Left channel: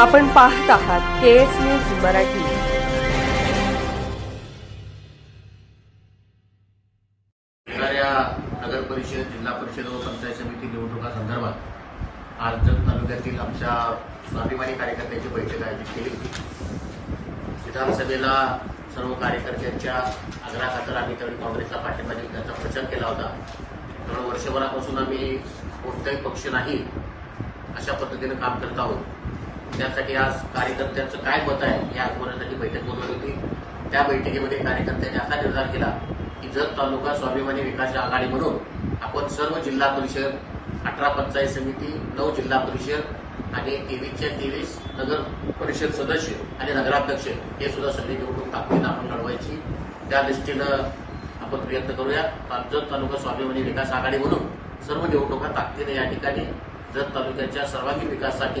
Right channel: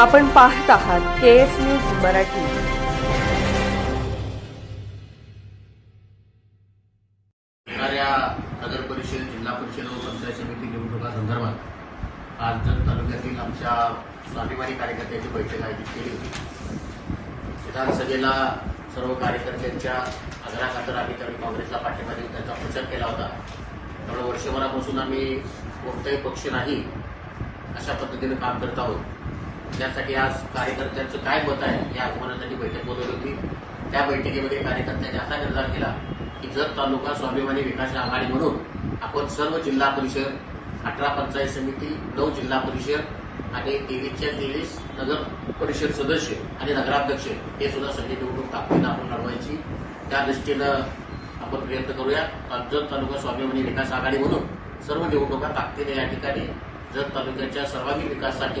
आपण पाहत आहात के एस न्यूज मराठी. येणाऱ्या नगर परिषद जिल्हा परिषद व पंचायत समिती निवडणुका संदर्भात आज जत तालुक्यातील आमच्या स्वाभिमानी कार्यकर्त्यांची बैठक आयोजित केली होती. विधानसभेला सर्व कार्यकर्त्यांच्या आग्रहाखातर आम्ही त्यावेळी काँग्रेसला पाठिंबा देऊन त्याचा प्रचार केला होता. त्यामुळे वर्षभरापासून आम्ही कोणताही पक्ष नाही अशा पद्धतीनं काम करत आहोत. त्यासाठी आज कार्यकर्त्यांचं काय मत आहे हे आजमावण्यासाठी बैठक बोलवली होती. त्या बैठकीमध्ये कार्यकर्त्यांनी असा निर्धार केला की जत तालुका स्वाभिमानी विकास आघाडी म्हणून आपण सर्व जिल्हा परिषद अठरा पंचायत समिती नऊ जिल्हा परिषद आणि तेवीसच्या तेवीस नगर परिषद सदस्य आणि नगराध्यक्ष हे सुद्धा सगळी निवडणूक ताकदीनं आपण लढवायची. त्या दृष्टीनं आपण प्रयत्न करूया. जत तालुका स्वाभिमानी विकास आघाडी म्हणून सर्व निवडणुका ताकदीने या ठिकाणी जत तालुक्याच्या सर्वांगीण विकासासाठी